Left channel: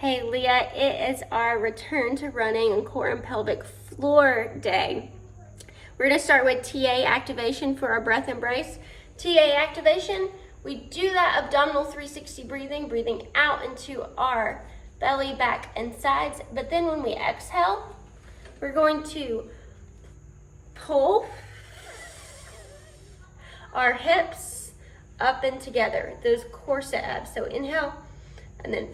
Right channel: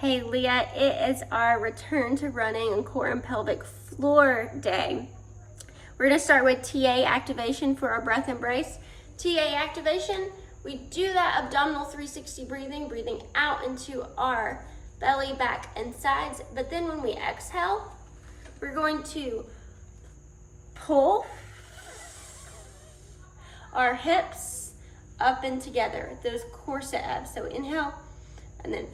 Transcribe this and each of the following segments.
Hey Leah, it is our return to running on core and pelvic floor day. We're gonna start with TA activation for our breath embrace. TA activation, we do that abdominal 360 breathing out into our belly, back, and sides. But then when we exhale, we're going to pull our hips up and together, those corset abs. So inhale, and then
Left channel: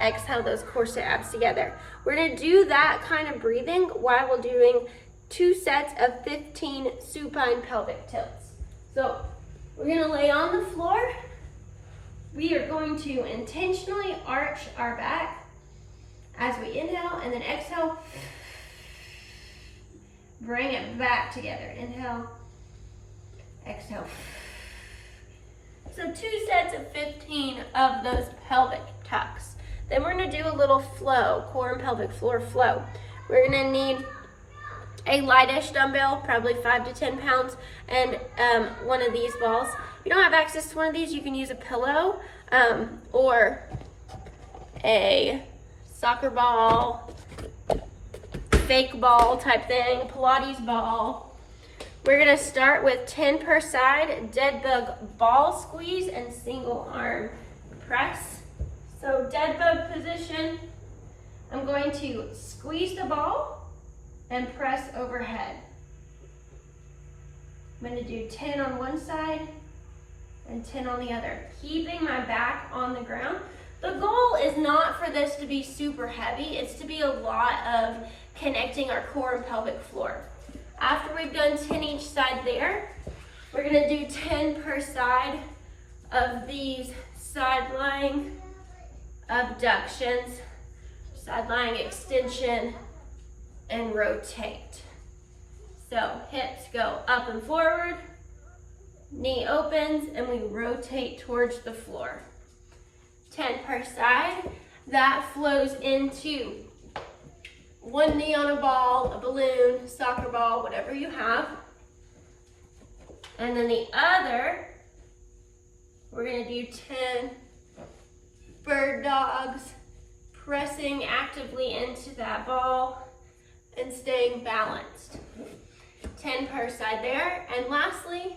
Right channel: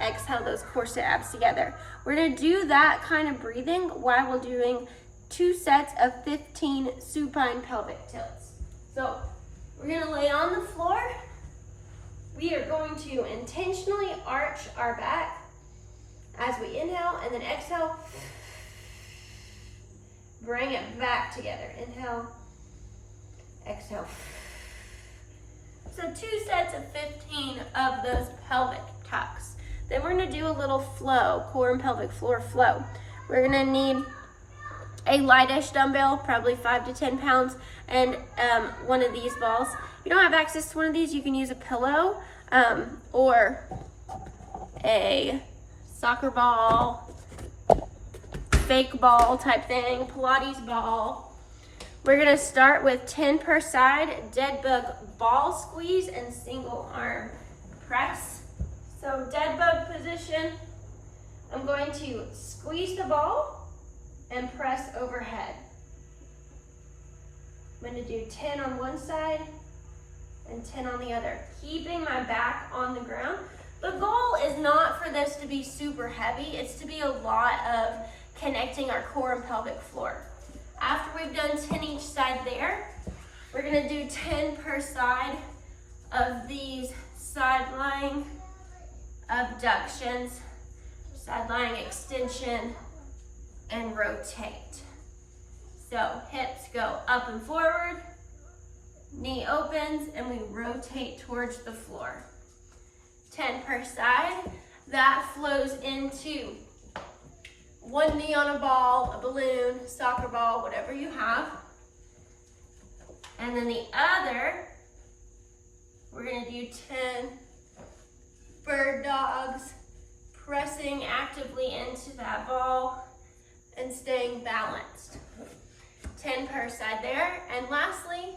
exhale those corset abs together. We're gonna do that kind of breathing while we're doing 2 sets of 15 supine pelvic tilts. So we're gonna lay on the floor. We are going to intentionally arch our back as we inhale, and then exhale. Bring it back together. Inhale, exhale. So 2 sets of 15 of those pelvic tucks. Then we're gonna do a little flow, core and pelvic floor flow. We're gonna need a lightish dumbbell, probably 5 to 10 pounds, and one of these balls. If you don't have access to one of these, you can use a pillow or a soccer ball, fake ball type thing, Pilates ball. We're gonna start with 10 per side, dead bug ball squeeze and single arm press. So dead bug position, I'm going to squeeze the ball and press overhead. I'm going to do 10 on one side and 10 on the other, keeping my back on the ground. The goal is not for this to be super heavy, it's to be a lot of connecting our core and pelvic floor. After we've done 10 each side there, we're going to do 10 per side of these side lying abductions, side lying extension, and rotate. So hips go up and forward, knee opens, and we rotate towards the floor. 10 per side. That flows into one knee on a ball, a balloon, soccer ball, whatever you have. And then the other, we're gonna do 10 bird dogs, pressing actively into that ball and staying balanced. 10 per side there. And lastly,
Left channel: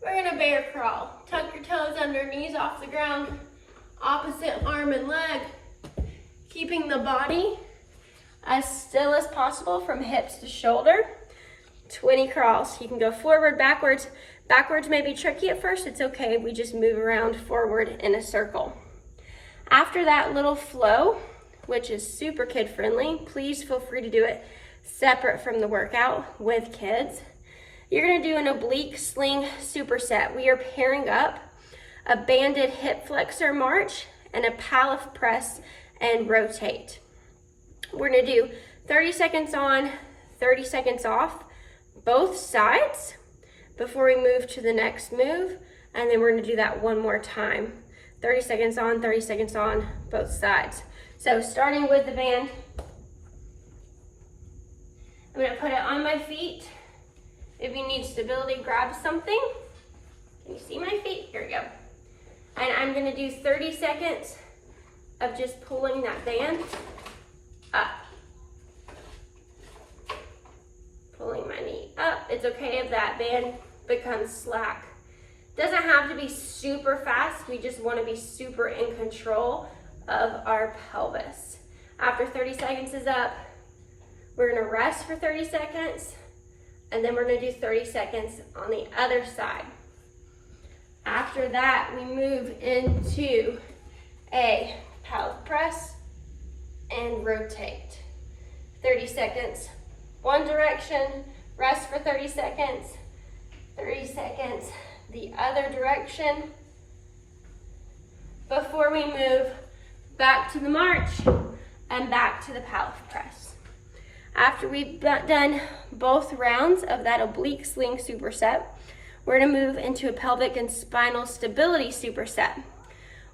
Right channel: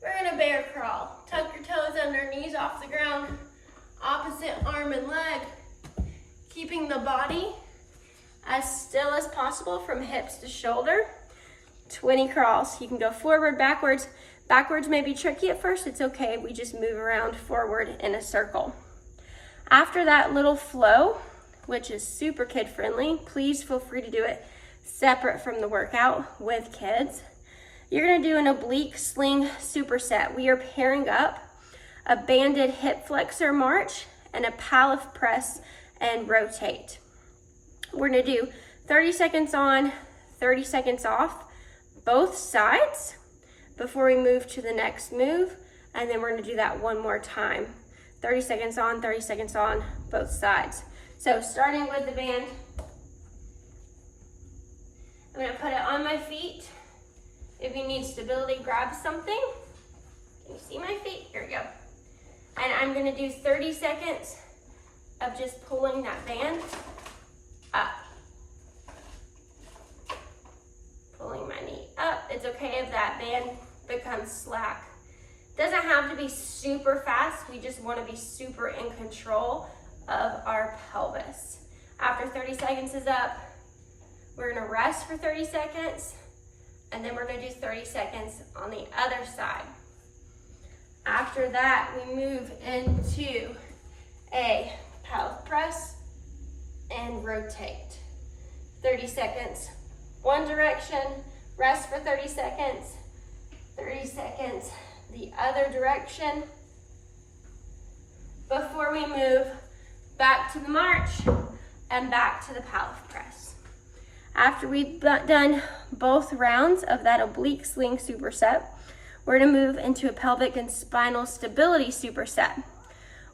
we're gonna bear crawl. Tuck your toes under, knees off the ground, opposite arm and leg, keeping the body as still as possible from hips to shoulder. 20 crawls. You can go forward, backwards. Backwards may be tricky at first, it's okay. We just move around forward in a circle. After that little flow, which is super kid friendly, please feel free to do it separate from the workout with kids. You're gonna do an oblique sling superset. We are pairing up a banded hip flexor march and a palette press and rotate. We're gonna do 30 seconds on, 30 seconds off, both sides before we move to the next move. And then we're gonna do that one more time. 30 seconds on, 30 seconds on, both sides. So starting with the band, I'm gonna put it on my feet. If you need stability, grab something. Can you see my feet? Here we go. And I'm gonna do 30 seconds of just pulling that band up. Pulling my knee up. It's okay if that band becomes slack. Doesn't have to be super fast. We just want to be super in control of our pelvis. After 30 seconds is up, we're going to rest for 30 seconds, and then we're going to do 30 seconds on the other side. After that, we move into a palette press and rotate. 30 seconds one direction, rest for 30 seconds, 30 seconds the other direction before we move back to the march and back to the palette press. After we've done both rounds of that oblique sling superset, we're gonna move into a pelvic and spinal stability superset.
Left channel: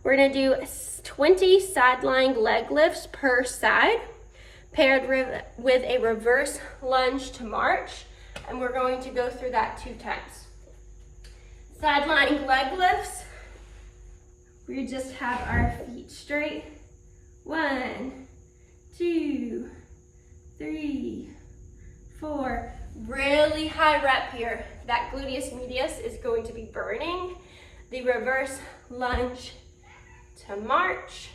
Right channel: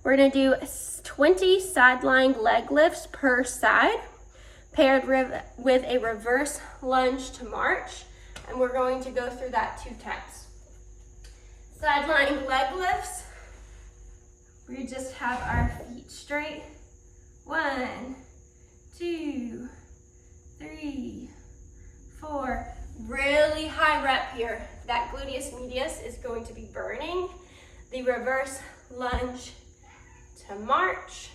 We're gonna do 20 side lying leg lifts per side, paired with a reverse lunge to march, and we're going to go through that 2 times. Side lying leg lifts, We just have our feet straight. 1, 2, 3, 4. Really high rep here. That gluteus medius is going to be burning. The reverse lunge to march.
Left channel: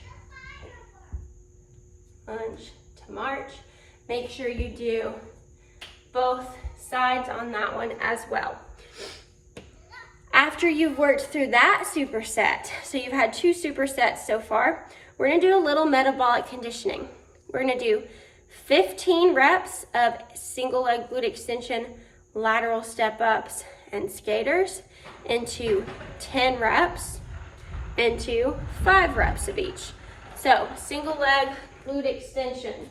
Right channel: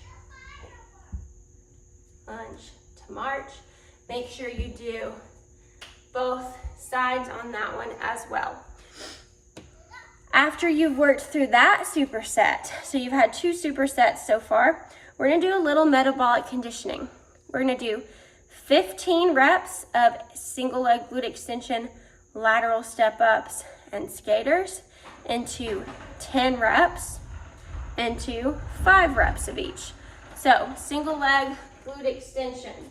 Lunge to march. Make sure you do both sides on that one as well. After you've worked through that superset, so you've had 2 supersets so far, we're gonna do a little metabolic conditioning. We're gonna do 15 reps of single leg glute extension, lateral step ups, and skaters into 10 reps into 5 reps of each. So single leg glute extension.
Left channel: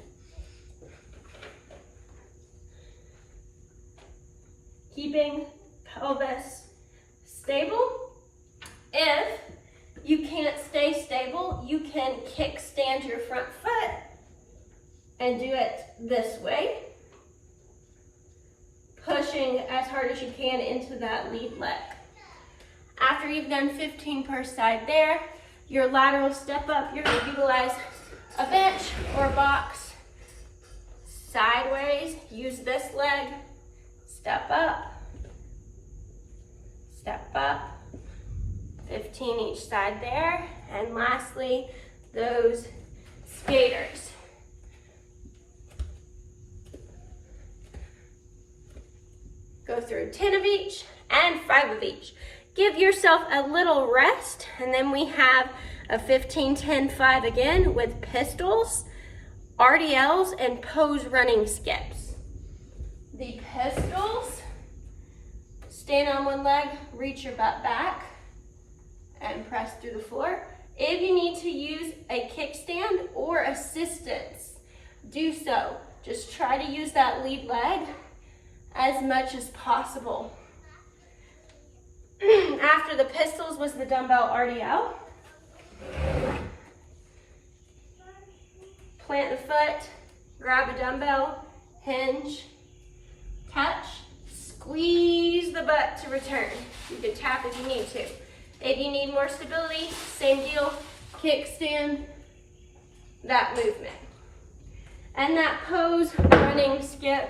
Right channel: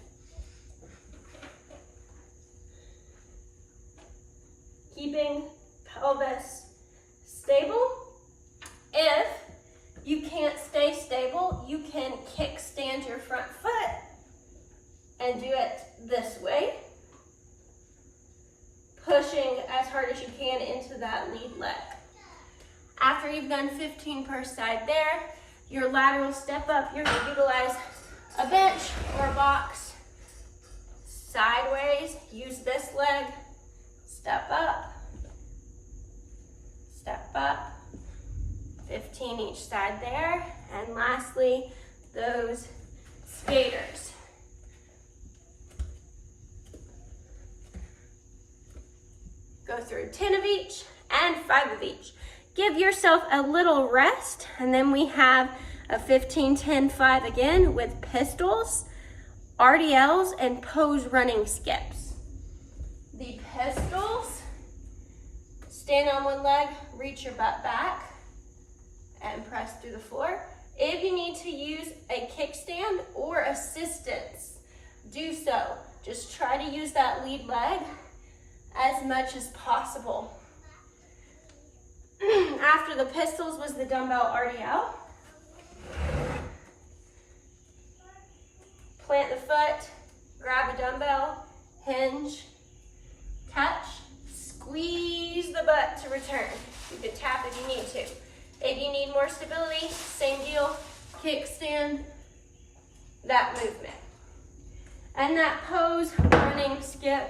Keeping pelvis stable. If you can't stay stable, you can kickstand your front foot and do it this way, pushing as hard as you can into that lead leg. After you've done 15 per side there, your lateral step up, you're going to utilize a bench or box sideways. Use this leg, step up, 15 each side there. And lastly, those skaters. Go through 10 of each and 5 of each. Give yourself a little rest, and then we have a 15, 10, 5 again with pistols, RDLs, and pose running skips. The pistols, stand on one leg, reach your butt back, and press through the floor. If you need to use a kickstand or assistance, do so. Just try to use that lead leg as much as possible. After the pistols was the dumbbell RDL. Plant the foot, grab a dumbbell, hinge, touch, squeeze the butt to return. You can tap if you need to. If you need more stability, same deal, kickstand, that movement. And that pose running skip.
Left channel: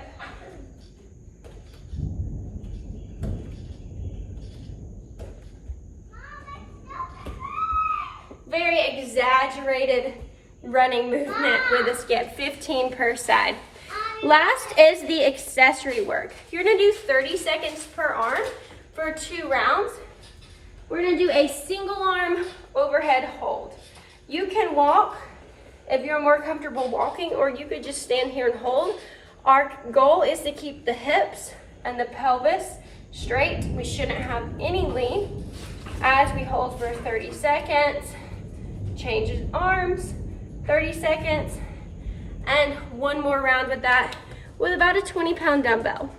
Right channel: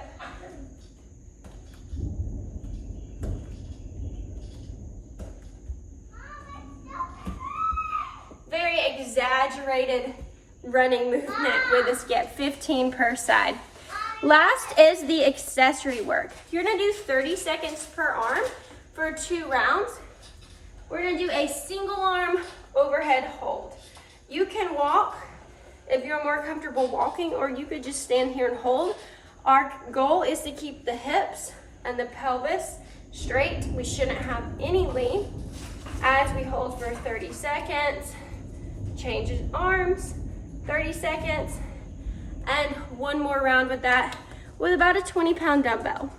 Very exaggerated running movement with a skip, 15 per side. Last is the accessory work. You're gonna do 30 seconds per arm for 2 rounds. We're gonna do a single arm overhead hold. You can walk if you're more comfortable walking, or you could just stand here and hold. Our goal is to keep the hips and the pelvis straight. We shouldn't have any lean as we hold for 30 seconds. Change arms, 30 seconds, and one more round with that with about a 20-pound dumbbell.